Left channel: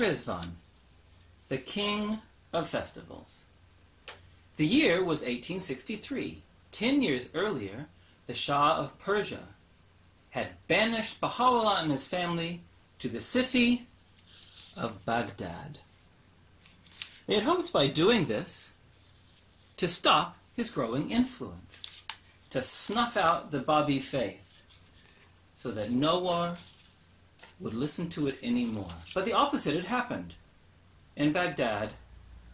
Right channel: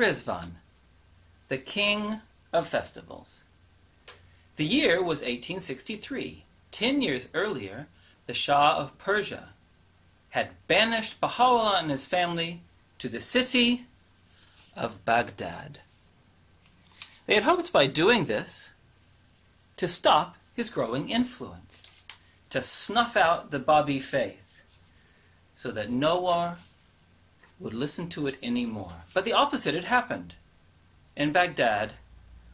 Riḍván, the king of festivals. The year was 1863. 10 years earlier, the Shah of Persia had banished Baha'u'llah and his family to the city of Baghdad. They had hoped by doing this to stop his growing influence, to snuff out the Bahá'í faith, so that no one would listen to it anymore. But the opposite had happened. In Baghdad,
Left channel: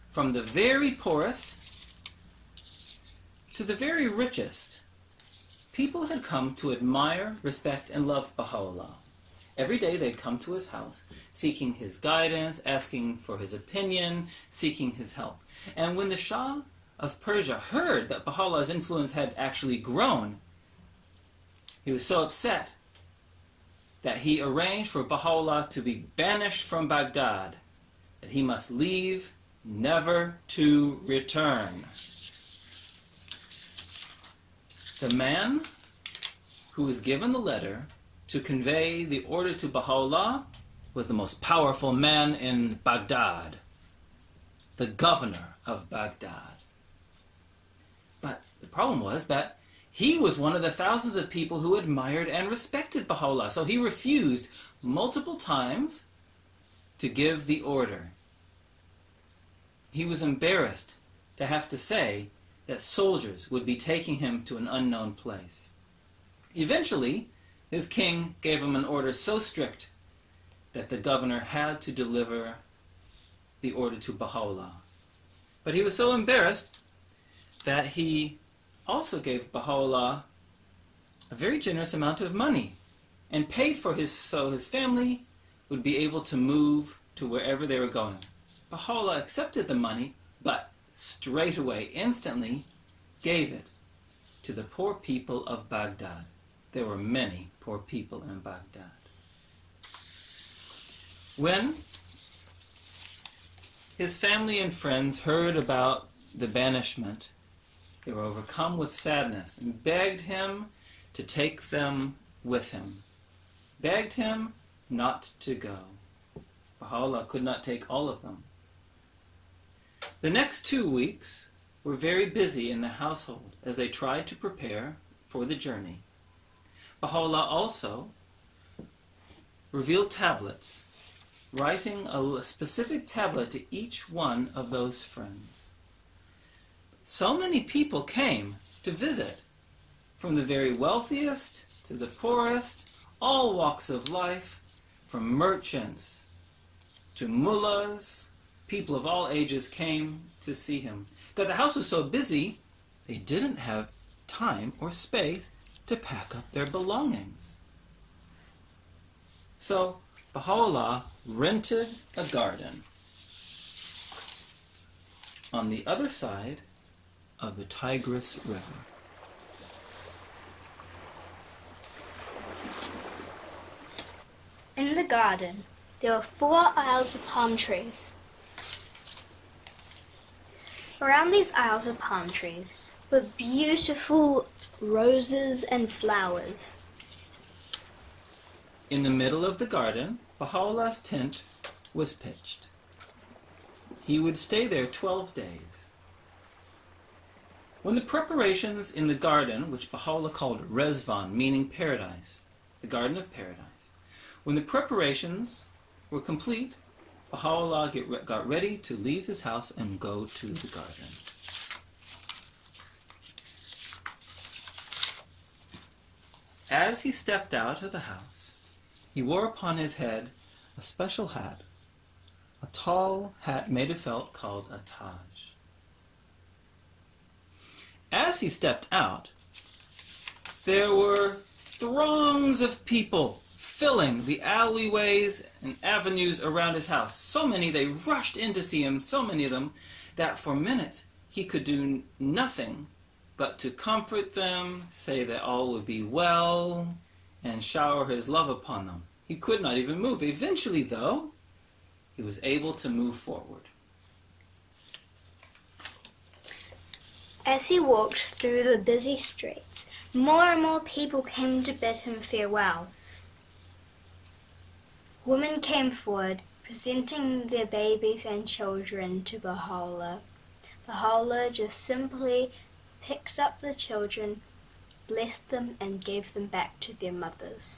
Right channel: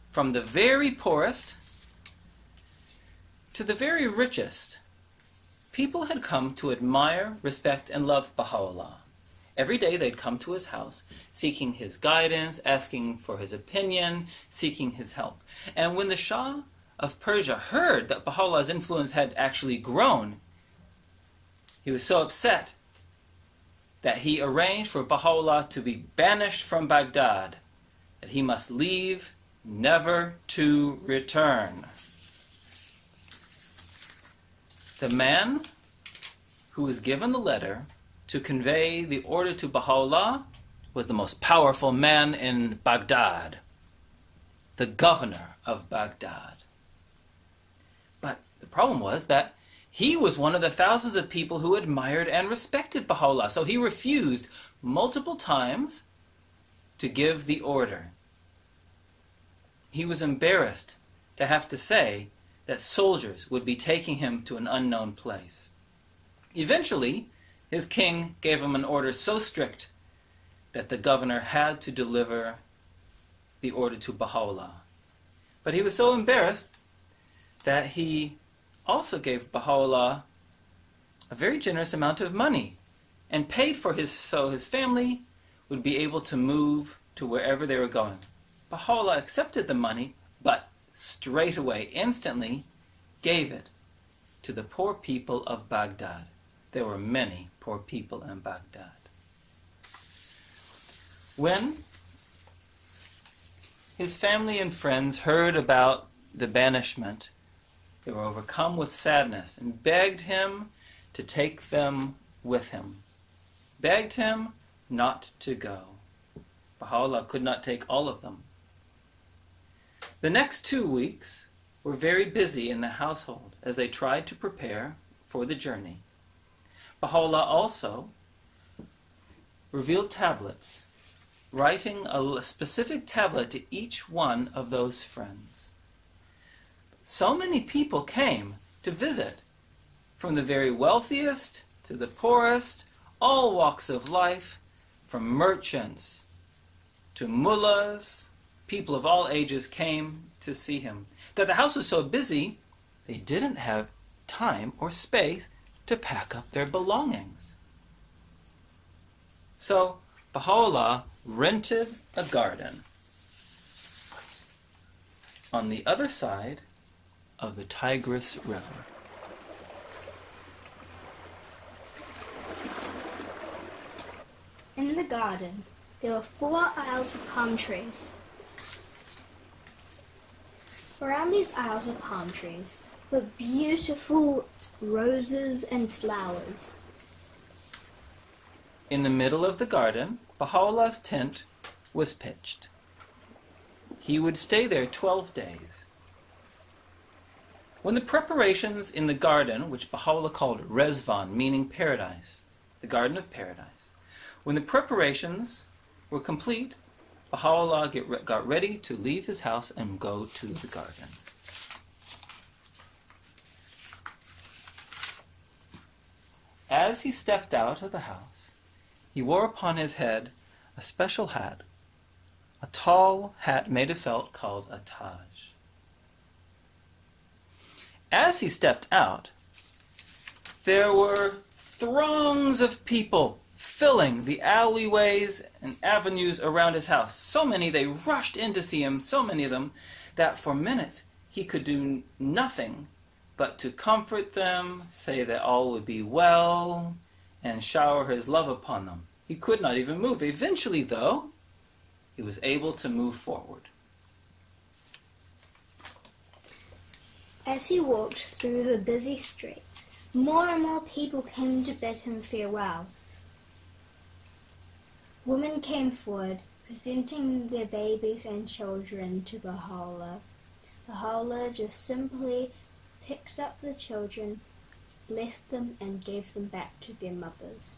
from the very poorest to the very richest, people had come to admire, respect, and love Baha'u'llah. Every day they'd come to his house, seeking his guidance, asking for his opinion, seeking his help. And when the Shah of Persia heard that Baha'u'llah's influence had actually grown, he was so upset that he arranged for Baha'u'llah to be banished from Baghdad, that he must leave, never to return. The man who was given the letter to convey the order to Baha'u'llah was the most powerful man in Baghdad, the governor of Baghdad. But the problem was that he was one of the thousands of people who admired and respected Baha'u'llah, so he refused multiple times to give the order. He was embarrassed to have to say that soldiers would be taking him to an unknown place. Eventually, his king gave him an order so strict that the governor had to deliver the order to Baha'u'llah. But he was so embarrassed that he also gave Baha'u'llah a very generous amount of money and paid for so his family would be able to move to wherever they were going. Baha'u'llah accepted the money, but straight away, instantly, gave it to the poor people of Baghdad. There were many poor people in Baghdad. When his family and friends heard about the banishment, they were overcome with sadness and begged him to take them with him. Begged him not to go. Baha'u'llah could not take all of them. The next 2 weeks were very busy in the household as they tried to prepare for the journey. Baha'u'llah also revealed tablets, writing a specific tablet to each one of those friends. So many people came to visit, from the very wealthiest to the poorest, all walks of life, from merchants to mullahs. People of all ages came to see him. That the house was so busy, they didn't have time or space to pack up their belongings. So Baha'u'llah rented a garden on the other side of the Tigris River. In the garden, there were 4 aisles of palm trees. Around these aisles of palm trees were beautiful roses and flowers. In the middle of the garden, Baha'u'llah's tent was pitched. He would stay there 12 days. When the preparations in the garden, which Baha'u'llah called Riḍván, meaning paradise, the garden of paradise, when the preparations were complete, Baha'u'llah got ready to leave his house and go to the garden. As he stepped out of the house, he wore upon his head a special hat, a tall hat made of felt called a taj. As he stepped out, there were throngs of people filling the alleyways and avenues around his house. So many, they rushed in to see him, so many of them, that for minutes he could do nothing but to comfort them, say that all would be well, and shower his love upon them. He could not even move. Eventually, though, he was able to move forward. As he walked through the busy streets, more and more people came to bid him farewell. Women came forward, presenting their babies and children to Baha'u'llah. Baha'u'llah just simply picked up the children, blessed them, and gave them back to their mothers.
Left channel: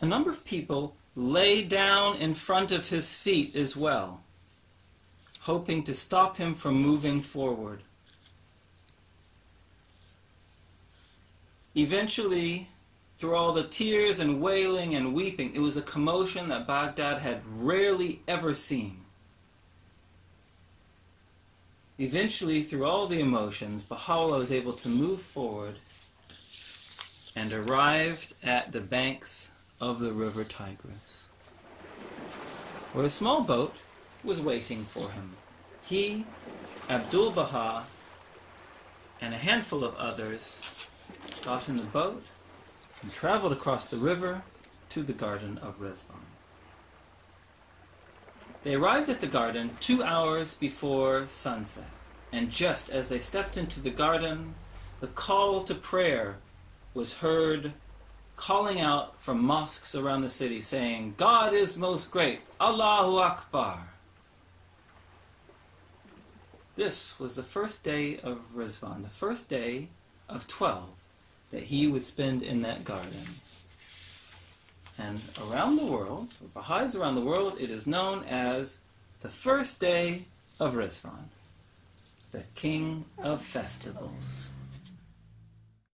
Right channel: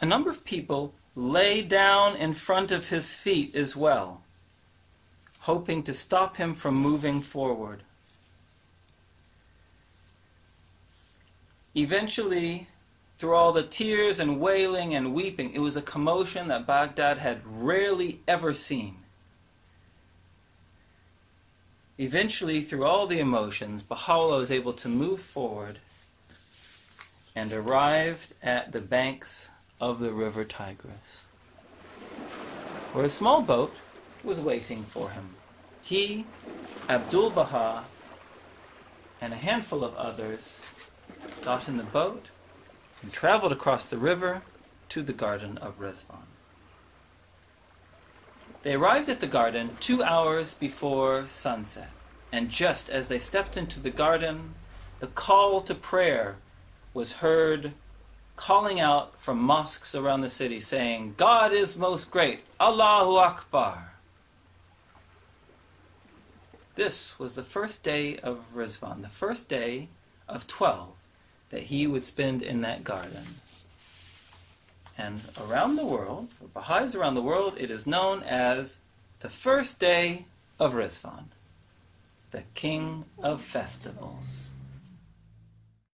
A number of people lay down in front of his feet as well, hoping to stop him from moving forward. Eventually, through all the tears and wailing and weeping, it was a commotion that Baghdad had rarely ever seen. Eventually, through all the emotions, Baha'u'llah was able to move forward and arrived at the banks of the river Tigris, where a small boat was waiting for him. He, Abdul-Baha, and a handful of others got in the boat and traveled across the river to the garden of Riḍván. They arrived at the garden 2 hours before sunset, and just as they stepped into the garden, the call to prayer was heard calling out from mosques around the city, saying, "God is most great, Allahu Akbar." This was the first day of Riḍván, the first day of 12 that he would spend in that garden. And around the world, for Baha'is around the world, it is known as the first day of Riḍván, the king of festivals.